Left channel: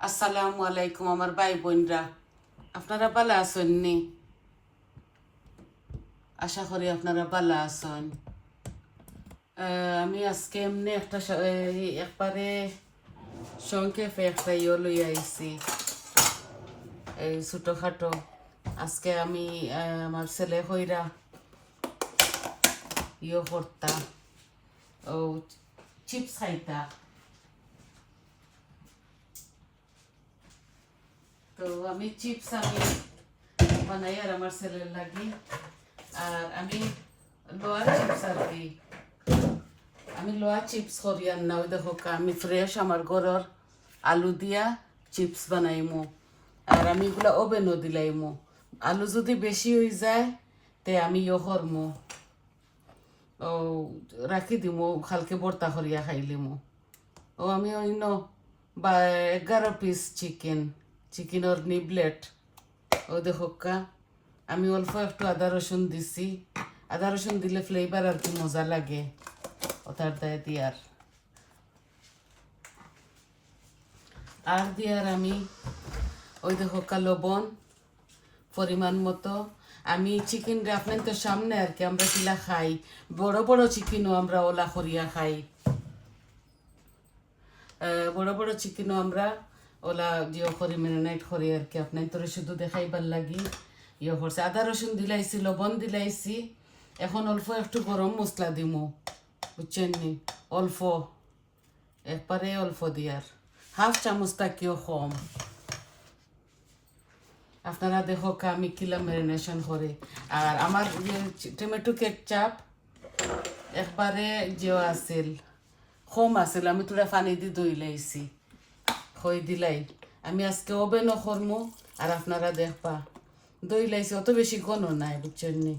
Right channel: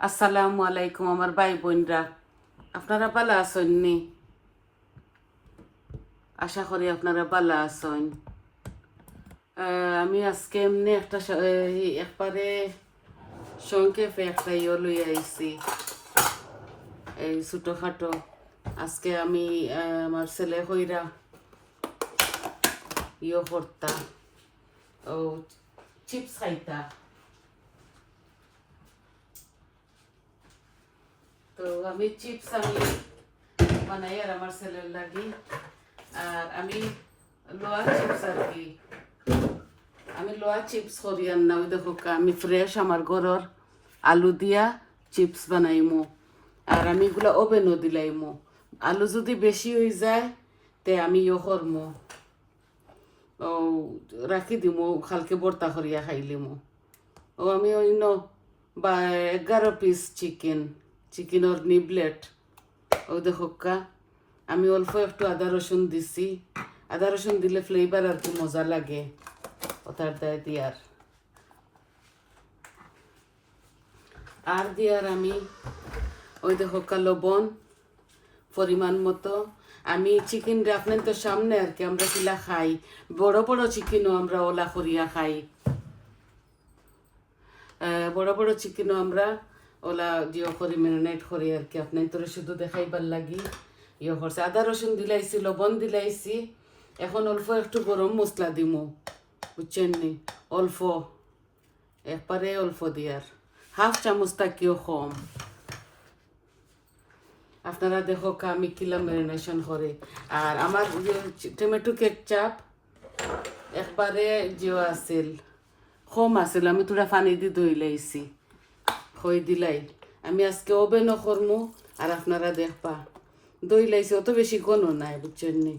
আসসালামু আলাইকুম আমার ভাই বোনরা, আপনারা ভালো আছেন নি? আশা করি আপনারা ভালো আছেন। আমি আজকে এমনি একটা একবারে সংক্ষেপে একটা লই আইছি, এই ছোটোখাটো। আজকে আমি আমার ছেলে হইরা করতা, ও চিপস খাইতা। তো আমি চিপস বানাই আর আমার ছেলের লাগি। আর আমি লোয়া চিপস আর কি, আমি লোয়া চিপস করি আর না, ওই দেখো আমি ফ্রেশ আমার ঘরের আলু দিয়া চিপস বানাইমু। আর আমি এগুলো ওভেনও দিলাইমু। আলু যদি বেশি হয়ে যায় তে আমি করমু, ও রাখি দিমু, কালকে বর্তা করিয়া খাইলিমু। ও আমি অন্য বা 11 পিস চিকেনের নিবলেট। ও দেখো আমি অল্প একটু আদা রসুন দিছি। আদা রসুন দিলে ফ্লেভার আর কি মজা লাগে ওটার দায় দিয়ার। আর দিয়ার আমি ওই দেখো লবণ পরিমাণ মতো। আমি চিকেন আপনার তো সামনে আর কি আমরা কিলা খাই, বড় বড় চিকেনও আমরা ওলা করিয়া খাই। বড় বড় চিকেনও আমরা ওলা জিও করি ম্যারিনেট করি আর কি, আপনার তোর শুধু দেখাইবার লাগি করছে। আদা রসুন দিলাইছি, লবণ দিলাইছি। এখন অল্প একটু গরম মশলা দিমু, বুঝছেন নি? অল্প, একবারে অল্প দিয়ার, 1/2 চামচ তাকিও কম। আপনারা দেখো আমি কিলা ম্যারিনেশন করি। আর আমার টমেটো কেচাপ একবারে জিও আছিল, কম আছিল, আমি তোরা পানি দিয়ে দই লাইছি, খই দিলাই। আমি আজকে ওভেনও করমু আর আপনারা দেখবা দই লাইছি, অত বেশি ঘন নাই, বুঝছেন নি?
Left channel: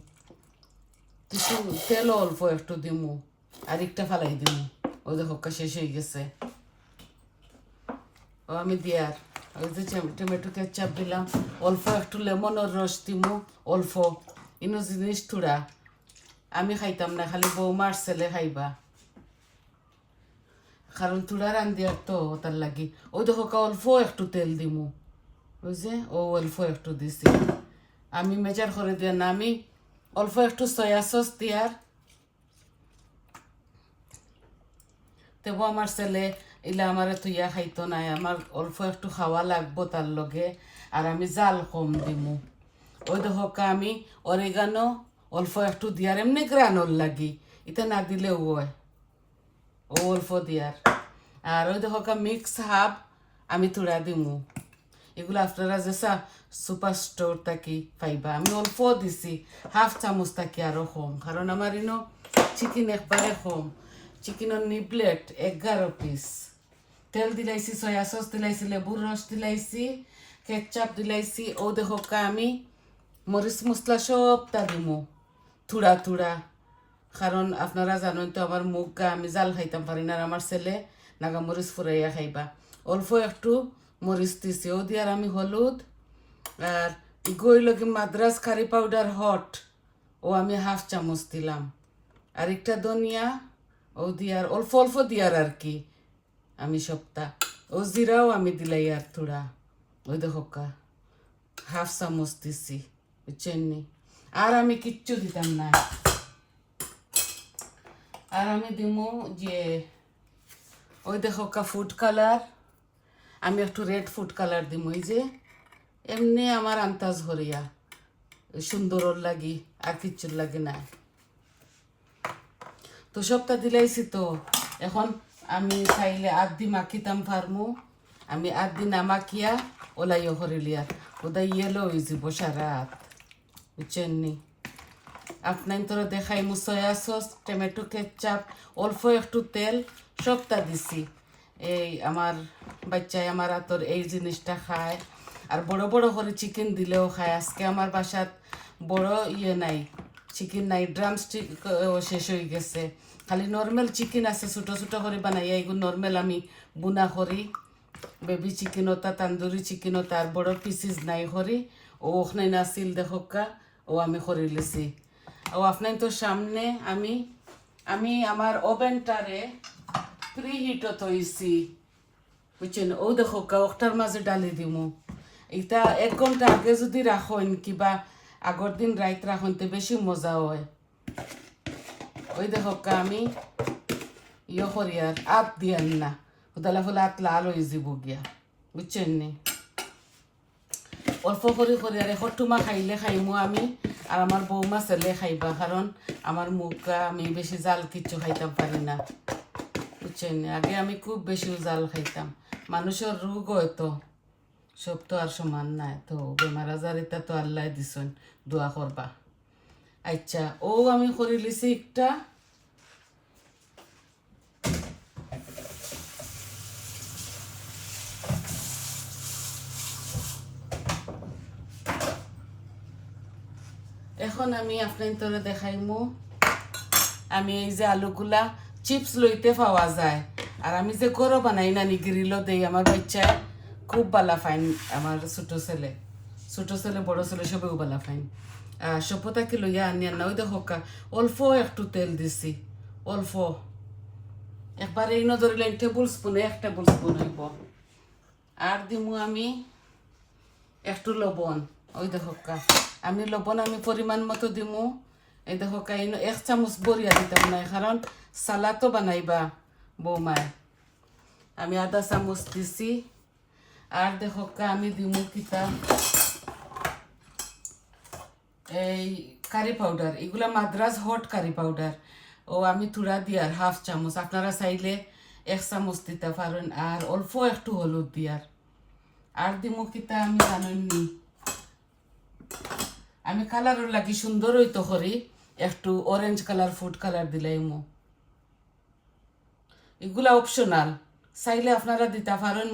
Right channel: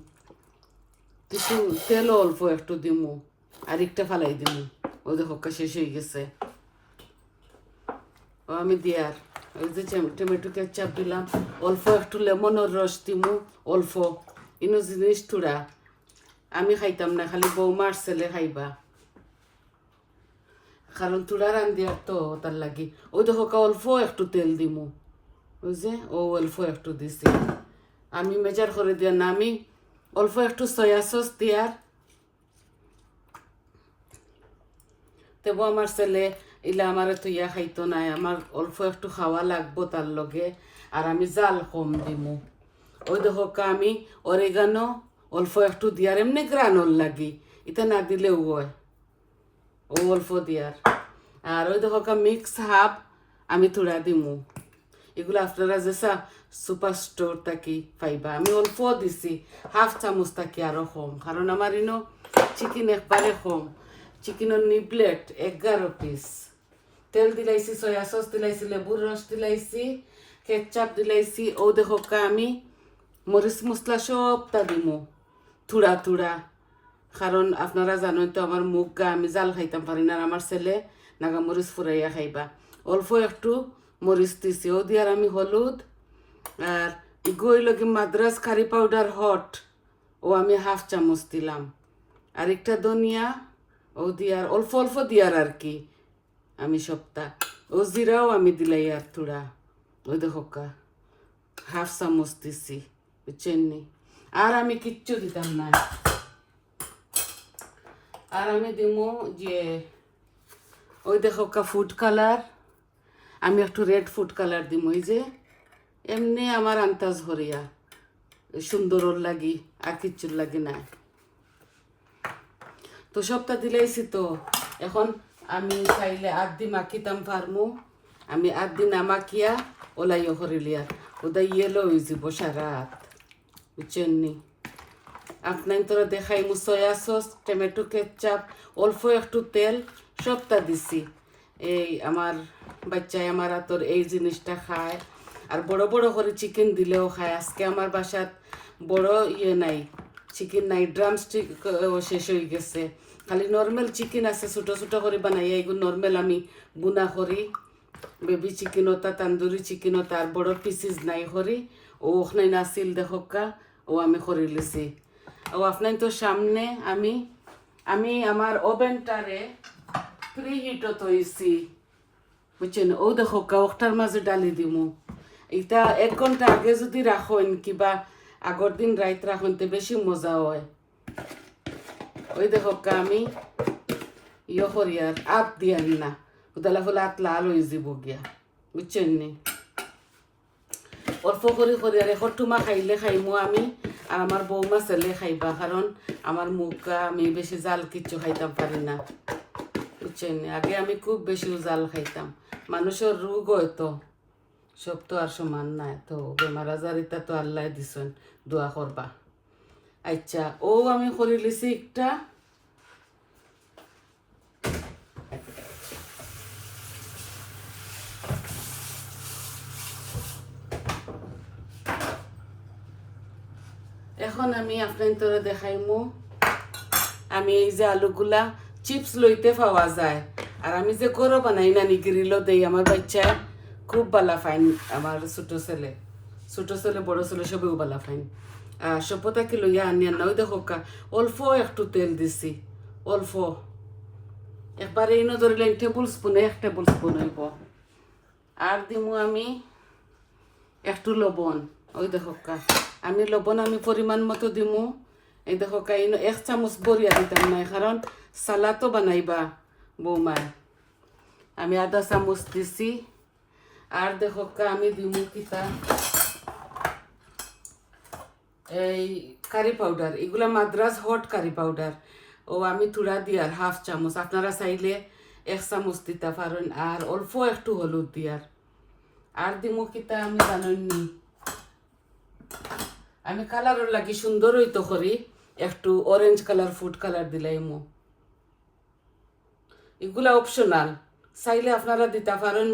কিছু তেলও অল্প একটু দিমু, আর একটা ফালাই দিমু। ও দেখো শেষ হয়ে গেছে। ও আমি দিয়ার ওই যে টমেটো কেচাপ দিলাম, অল্প একটু লেমনের রস দিমু, অল্প। ইনো জিনিস থুড়া আমি খাইতাম না, খালি বৌমার ছেলে খাইবা, কারণ তুলা রান্ধিয়ার তো তার লাগি। ওই দেখো অল্প একটু তেল দিমু, বুঝছে? ও অল্প একটু দিছি, আমি মেজার করে দিয়া না। আমি অল্প একটু সয়া সস দিয়ার, তেব আমার ছেলে ইলা আমার তুইয়া খাইতো নাই, আমার অল্প একটু খাওয়া লাগবো তার লগে। আর আমি জাল কম দিমু। ওই দেখো আমি অরেগানো অল্প একটু দিয়ার, এমনি গ্রানোর লাগি, এটা না দিলেও হয়, ও অল্প দিয়ার। আর ওই দেখো মিক্স হাফ আমি থোড়া দিমু। এগুলো আপনারা যে সুপার স্টোর থাকি পাইবা। আমি অল্প দিছি, 1/2 চামচ থাকি আরো কম, কারণ আমার ইনো চিকেন একবারে কম। চিকেনের নিবলেট 11 পিস। তেল দিলাইছি, সয়া সস দিলাইছি, লেবুর রস দিলাইছি, কেচাপ দিলাইছি। ও দেখো আমি মরিচ মশলা সবটা দিমু থুড়া থুড়া, কারণ আপনারা জানেন তো আমার মুখ আমি জাল খাইতাম পারি না, আর আমার ছেলে নাগা মরিচ ফুরাইয়া খাইবা। অল্প একটু মরিচ দিছি। ও দিয়ার আমি হলুদ আর গইল কি মাদ্রাস কারি পাউডার হট, ও আমি 1/2 চামচ দিলাম। আর একটা ধনিয়া, ও দিয়ার অল্প অল্প দিয়ার আর কি আমি সপ্তাহ। ও জিরাও আমি দিলাই আর থোড়া, ওই দেখো 1/2 চামচ দিছি, বুঝছেন নি? আর আমি কিচ্ছু দিতাম না। আর আমি দিমু যে ওই দেখো ফুড কালার, আমি একটু রেড ফুড কালার দিমু, এই যে এমনি আমার আন্তাজ হরিয়া সুন্দরর লাগি, আর কিচ্ছুর লাগি না। তো সবটা দিলাইছি। তো এখন আমি চাইলে আধি মাখিতাম পারমু, আমি আধি না মাখিয়া ওলাইও করিলিয়া ওদা ইয়েলো হয়ে যাব সারাত, বুঝছেন নি? আপনার তোরা দেখাইমু সয়া সস, টমেটো কেচাপ, অল্প একটু তেল, সবটা দিছি। এই আমার বাচ্চায় আমার হাতর এই জিনিসটা খায়। আর বড় বড় করে চিকেন দিলেও খায়। আজকে আমার বাসাত বড় নাই, চিকেন নাই, ড্রাম স্টিক শেষ হয়ে গেছে, খালি নর্মাল চিকেন আছে, ছোটো ছোটো করে বানাই। এইগুলো নর্মাল আমি বুনা করি, বেবি চিকেনতা, তান্দুরি চিকেনতা, আর বড় পিসিস নাই করি। ও ওখানে নাছিল দেখোকা, ও আমি করে লিছি। ও আপনার তো সামনে আমি আমার ওভেনটারে প্রি হিটত হইছি, বুঝছেন ও দেখো ওটার মাঝে ডালি দিমু এটা 1 ঘন্টা আগে যদি রাখেন কিবা আগর দিন রাইত রাখুন তো বেশি মজা হয় ওই দেখো আমি ইয়ে করি আর আত দিয়ান না উদালা ফলে আত লাল হয়ে যাব গিয়া বুঝছেন নি অল্প করে আর এখরটুমা খাইলে খাইমু আমি আর আমার বৌমা ছেলে খাইবা কারণ আমার মুখ আমি বেশি জাল কিচ্ছু খাইতাম পারি না বুঝছেন আগে আমি খুব বেশি জাল খাইতাম মানুষের রোগ হয়তো সব তো আর সমান নাই তো বেমার আজার এটা তো আল্লাহ দিছেন দোয়া করবা আচ্ছা ও আমি করে লিছি একটা এখন আমি আপনার দেখাইমু আমি এই যে আলুগুলা চিপস লইতে পাওয়া যায় আর আমি যে গরো বানাই না গ্রিলও দেই আমার বাচ্চা খুব বালা ফাইন আমার ছোট ছেলে বড় ছেলে সবেও বালা ফাইন সভ্যতাকে লইয়া আনিয়া না ওই দেখো অল্প একটু তেল দিছি অল্প একবার এই ধরলেন এক টেবিল স্পুন হইব আর দিমু আমি একটু লবণ ওই দেখো আমি লবণ আমি পরিমাণ মতো দিমু এই দেখো 1 চামচ বরিয়া দিতাম না কারণ সালাদও বানাইবা বৌমায় আমি 1/2 চামচ দিছি আর দেখো আমি দিমু কিতা এই কারি পাউডার এগুলা মাদ্রাজ হট কারি পাউডার ও আমি থোড়া দিয়ার 1/2 চামচ আপনারা চাইলে 1 চামচ দিতে পারেন আর অল্প একটু হলুদ দিয়ার আর দিমু কিতা আমি জানি আমি কালারের লাগি সুন্দর হইতো করি একটু অরেঞ্জ কালার ফুড কালার দিলাইমু এগুলা অপশনাল চাইলে আপনারা দিতে পারেন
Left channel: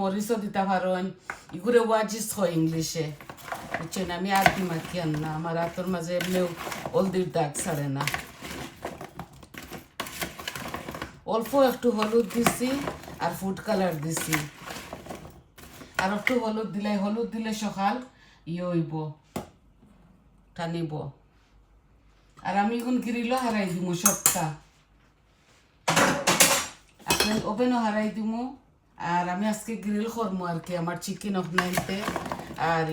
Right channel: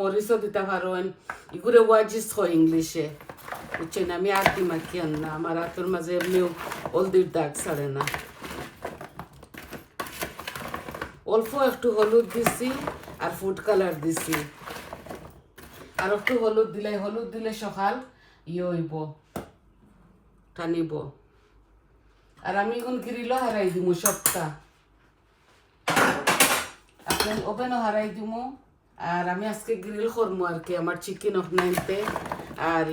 মরিচও দিতে পারেন এগুলো ওয়াজিস হয় ইংলিশে বুঝছেন আমি আর দি মাখি আন না আমার হাতের মাঝে এমনিও হলদির দাগ ছাড়ে না অল্প একটু হলুদ দিছি আর ফুড কালার দিছি আর একটু হলুদ দিলে সকাল হইব টানিব আর আমি এখন গ্রিলও হারাই দিমু সবটা আপনার ওভেনও হারাই দিমু আর আমি আজকে গ্রিল করবো আর কি আমার চিকেন অফনাইনতে আর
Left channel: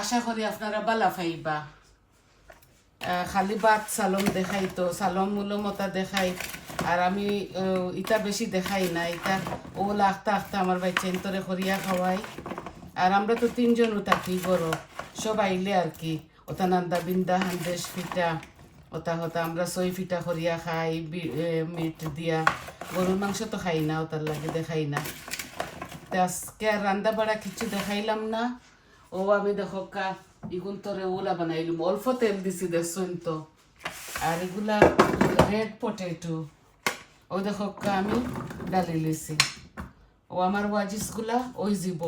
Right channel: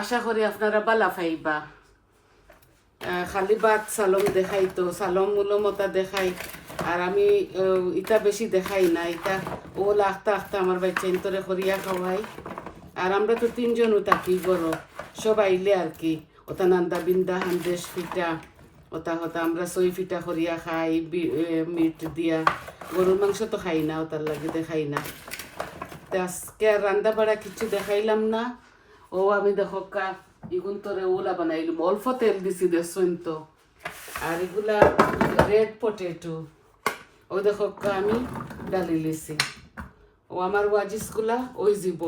আশা করি আপনারা বালা পাইবা খালি ভাত সালম দেখাই তো সালম মূলমতা দেখাই আর আমি ইটা বেশি দেখাই না ইটা ও আখতা আমার বাচ্চা ইন্তরে করিয়া খাওয়াই আর আমরা তো 3 জনও থাকি গরো সব আইলে আর কি ওটা নান্দা বিন্দা হান্দেশ পিঠা ওটা আমরা 6 পিঠা করিয়া খাই মিট দিয়া গরুর মাংস তো খাই না ওটার লাগে দেখাই না আজকে আর রান্না বাড়া কিছু দেখাইলাম না ও আমি দেখো এগুন তোরে ওলা বানাইলাম অল্প তেল দিছি দেখছুন তো আর এগুলা রেড পটেটো ও দেখো আমি ডালি লিছি ও আমার ওয়াজিসগুলা ওই যাব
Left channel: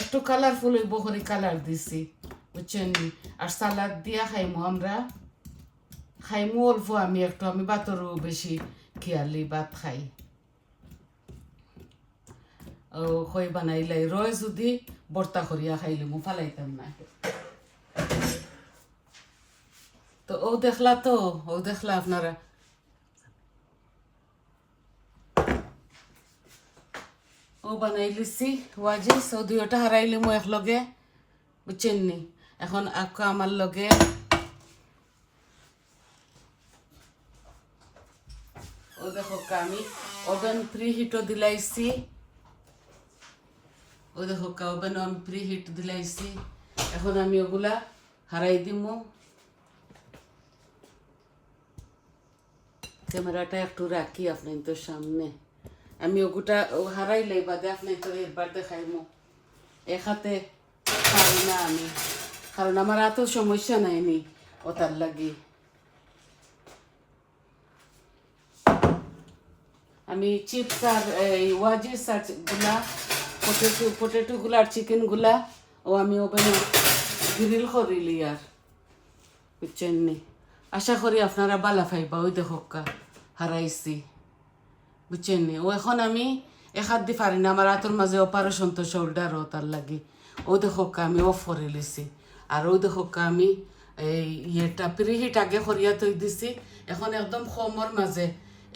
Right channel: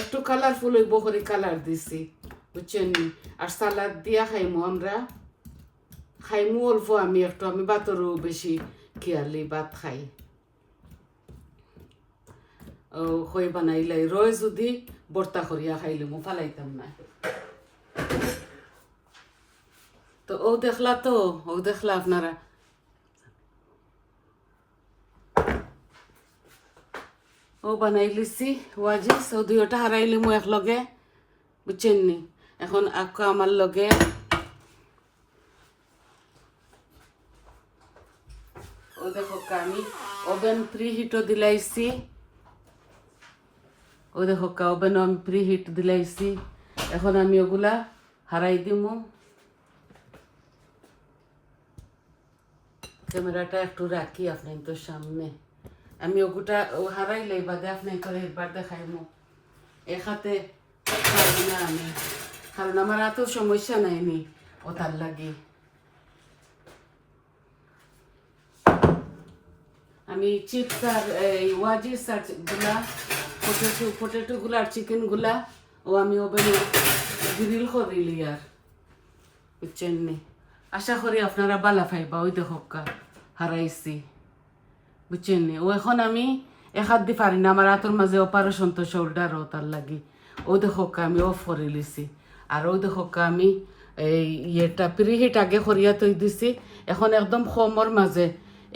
একটু কালারফুল হইব করে কালার দিছি বুঝছেন আর সালাদ দিয়া খাইমু অল্প আমি ভাতরও বেশি খেয়ালি ভাত খাই ও হই বানাইলাই রয় যদি বর্তা করিয়া খাইলে মু ফালাইতাম না তো ও দেখলা আপনারা ও বানাই লিছি ওয়াজিস ও দুইটা হারাইলে মু একলগে বুঝছেন নি এখন আকো আমার লগে ও দেখো আমি ওভেন প্রিহিটও দিলাইছি ও দেখো ওভেন আমি প্রিহিট দিলাইছি এখন আমি ওগুলা হারাই দিমু ক্যামেরাটা একটু রাখি আপনি তো সামনে আমি ওগুটা হারাইলে বাদে আপনি তো একবার দেখাইমু এক হাতে না আমি কারণ আমার এত সমস্যা নাইনি ওটার লাগি আমি চিপস আর ওয়াজিস আর গুলা পটেটো গুলা আর চিকেন গুলা ও আমি ওভেনে গ্রিল করিলি আর বুঝছেন নি আশা করি আপনারা বালা পাইবা ওই দেখো হারাইছি বুঝছেন নি ও এখন আমি এক হাত দি পারি না আমার হাতের মাঝে অপারেশন তো শোল্ডার ও তার লাগি ও দেখো আমি অফ করে লিছি আর ওই দেখো আমি ইয়েটা প্রিহিট আগে করিয়া তৈ দিছি এখন একদম কমর মাঝে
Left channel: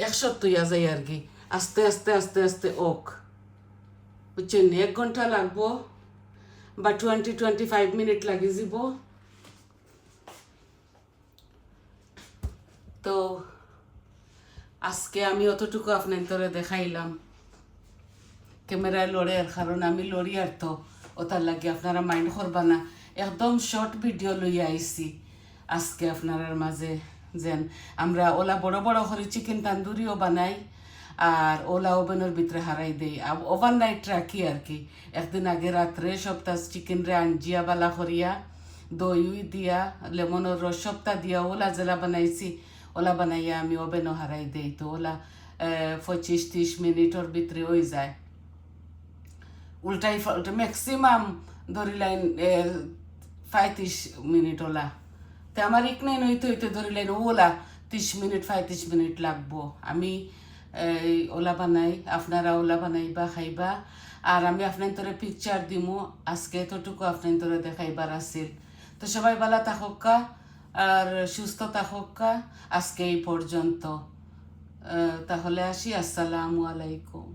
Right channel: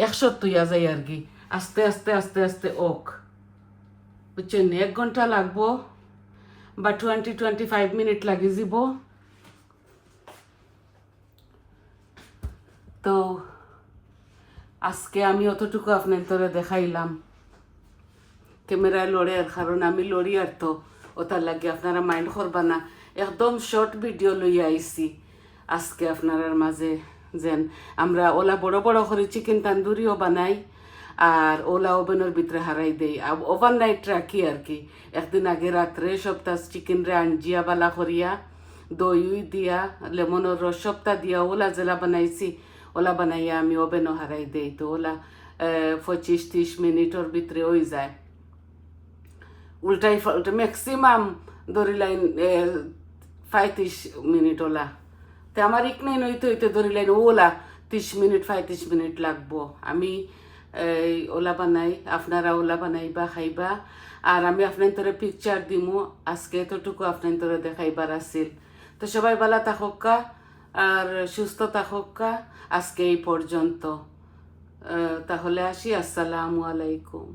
100 তৈয়া যায় আর কি আস্তে আস্তে আস্তে আস্তে ওক, বুঝছেন? 1 ঘন্টা লাগবো বা 20-25 মিনিট লাগি যাব। তো আজকে আমি অতটুকু আপনার দেখাইলাম। ক্যামেরায় লড়ে, আর কারণ আমি লড়ি আর তো ওটার লাগে আপনারা মাইন্ড করবা না। একদম শর্ট ভিডিও লই আইছি আজকে আপনার মাঝে। যেন আমরা ওলা বড় বড় করে চিকেন তান্দুরিও বানাই, আর ওলা ওভেনের ভিতরে হারাই দেই, ওভারনাইট রাখি আর কি। একদিন আগে রাত্রে সপ্তা চিকেন রে আঞ্জিয়া বালা করিয়া দই দিয়া লেমনের রস সপ্তা দিয়া ওলা জেলা বানাইছি, ওলা বানাইয়া আমি ওভেনও হারাই দেই। তো ওলা 25-30 মিনিটের ভিতরে হয়ে যায়। উল্টাই পাল্টা ম্যাক্সিমাম ধরিলাইন 35 মিনিট ওলা। তো আমার ইকনাইন হইতে হইতে ধরিলাইন ওলা 30 মিনিট 35 মিনিট লাগবো। আমি ওলা বানাই, আপনারা ওলা বানাইবা খাইবা। আর আমি আপনার পিকচার দিমু আজকে, এতটুকু আপনার দেখাইবার আসিল। তো সবাই ভালো থাকুকা আর সুস্থ থাকুকা। আজকে এই পর্যন্ত। তাহলে আসি, আসসালামু আলাইকুম।